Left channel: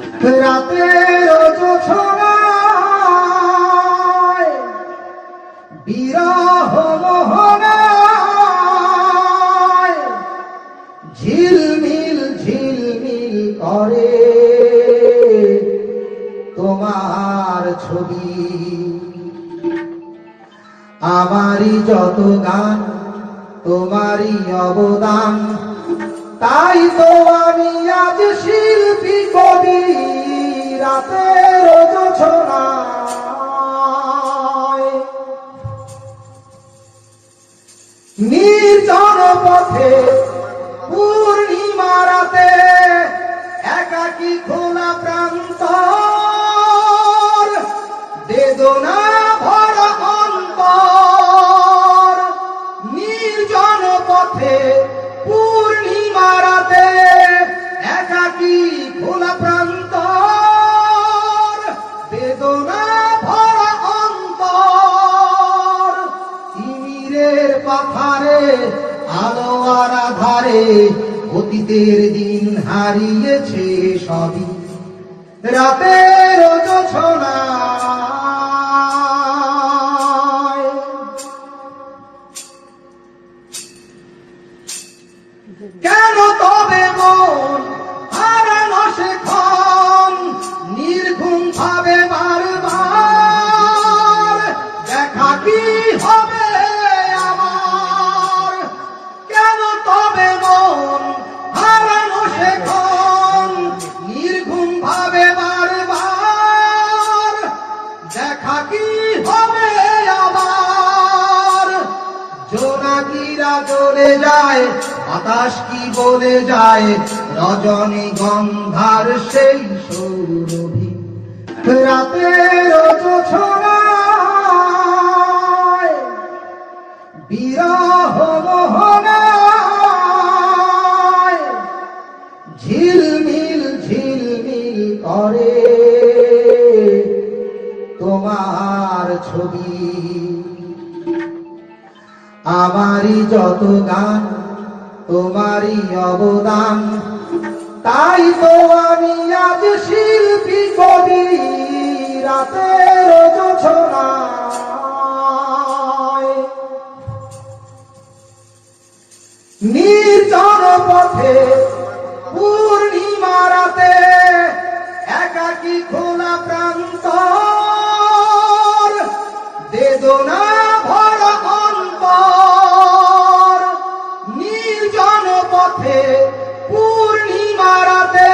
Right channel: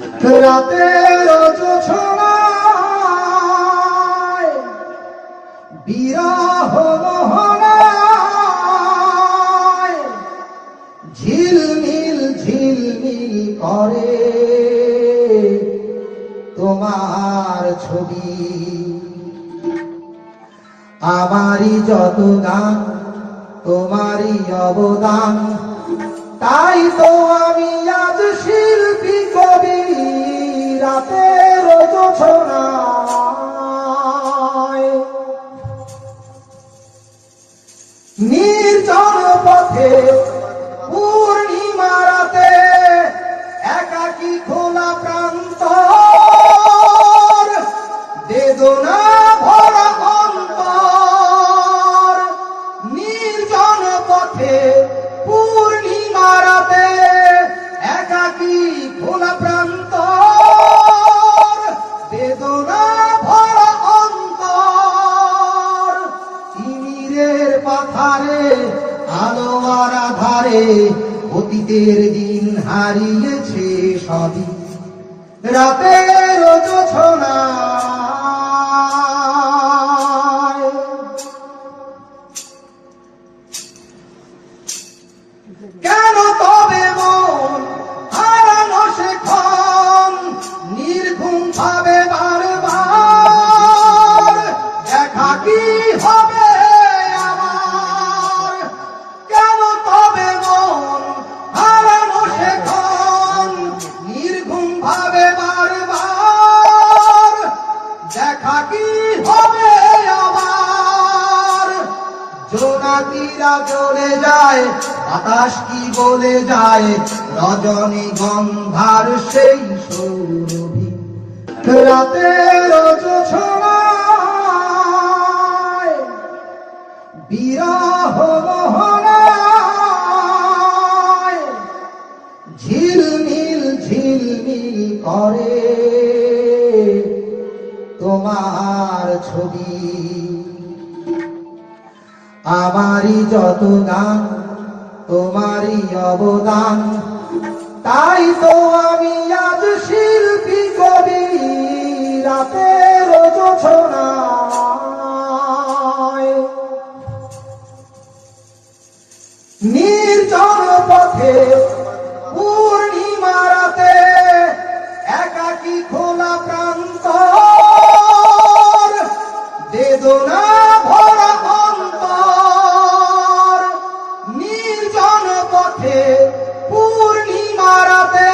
রাতের বিরহ মোহনায় ঝিলমিল করে তোমার ছবি। আমারই যত গান, তোমারই অবদান, তাই তো আমি আজ শিল্পী নির্জন পথে আলো আর অতীতের দিন হারিয়েছে সবই। রাতের কেন তবে মন হারানো সে জ্বলে যায়, বাতাস কি বলে যায়? রজনী গন্ধার সেই সৌরভী। রাতের বিরহ মোহনায়, ঝিলমিল ঝিলমিল করে। তোমার ছবি আমারই যত গান, তোমারই অবদান। তাই তো আমি আজ শিল্পী কবি, রাতের নির্জন পথে পূর্ণিমা রাতে একাকি খোলা পথে পূর্ণিমা রাতে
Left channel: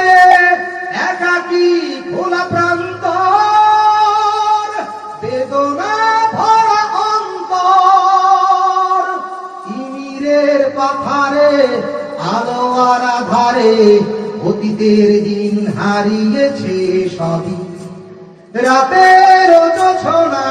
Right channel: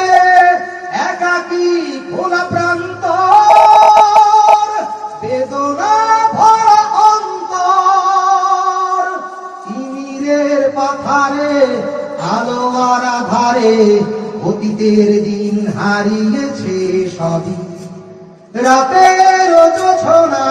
একাকি খোলা প্রান্ত বেদনা ভরা অন্তর। তিমিরের পাথারে, আলো আর আধারে অতীতের দিন হারিয়েছে সবই। রাতের জোছনায়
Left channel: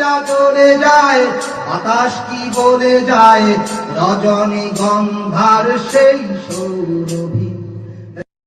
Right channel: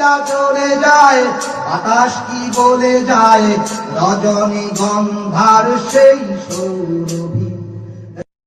জোনাকিরা চলে যায় বাতাস কি বলে যায়? রজনী গন্ধার সেই সৌরভী